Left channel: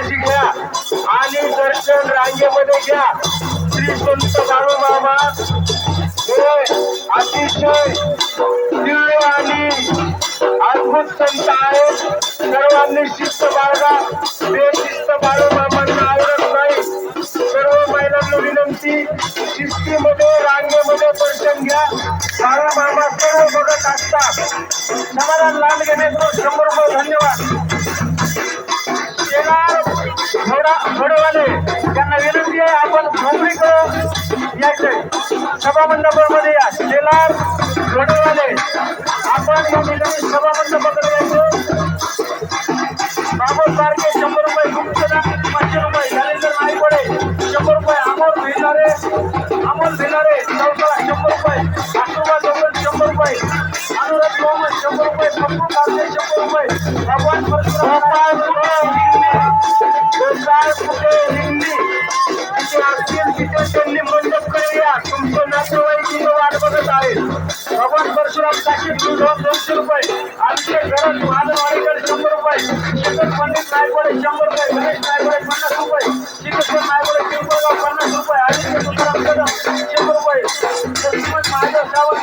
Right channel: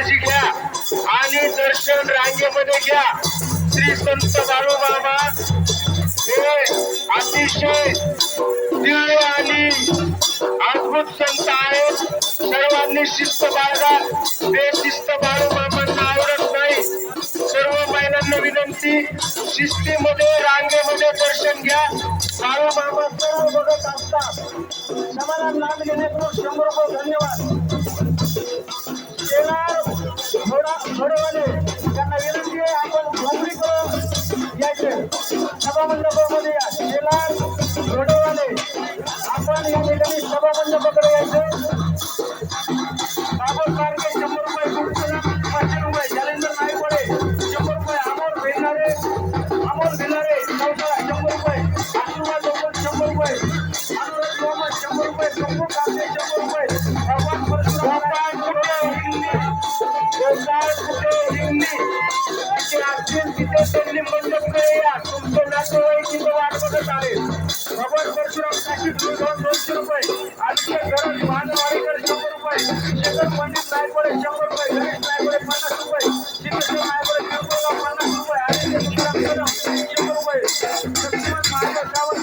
काळजी घ्या आणि दर्शन रांगेमध्ये घ्या श्री संत दारू बाबा हे अतिशय दिव्य आणि अद्भुत संत आहेत सर्वांनी शिस्त बाळगा बेशिस्त बाळू बाबांना आवडत नाही सर्व महिलांना विनंती शिस्तीमध्ये रांगेमध्ये दर्शन घ्या दारू बाबा सर्व बघत असतात समाधान लाल घेण्याचं शंभर रुपये धन्यवाद घोडवाले यांना विनंती आहे आपण मुंबईकडं यायचं सभामंडपामध्ये या शेलार घोडवाले आपण या ठिकाणी सभामंडपाकडे यायचं बाबा सारखे शंभर रुपये गुप्तना पाचशे रुपये ज्ञानेंद्र नायकोडे शंभर रुपये अमोल भिनारे अमोल भिनारे चौथा शंभर रुपये आशुबा दोन शंभर रुपये अनुराग शंभर रुपये पप्पू कांदे शंभर रुपये भगवान भगवान परशुराम साकीब दूध दोनशे रुपये आमचे घरात महादवाडीकर शंभर रुपये शेखर पंडित नायकवाडे शंभर रुपये गणेश नायकवाडे पन्नास रुपये श्रीकृष्ण नायकवाडे पिंपळगाव पन्नास रुपये आदित्य तुकाराम कदम शंभर रुपये लक्ष्मण महादेव सावंत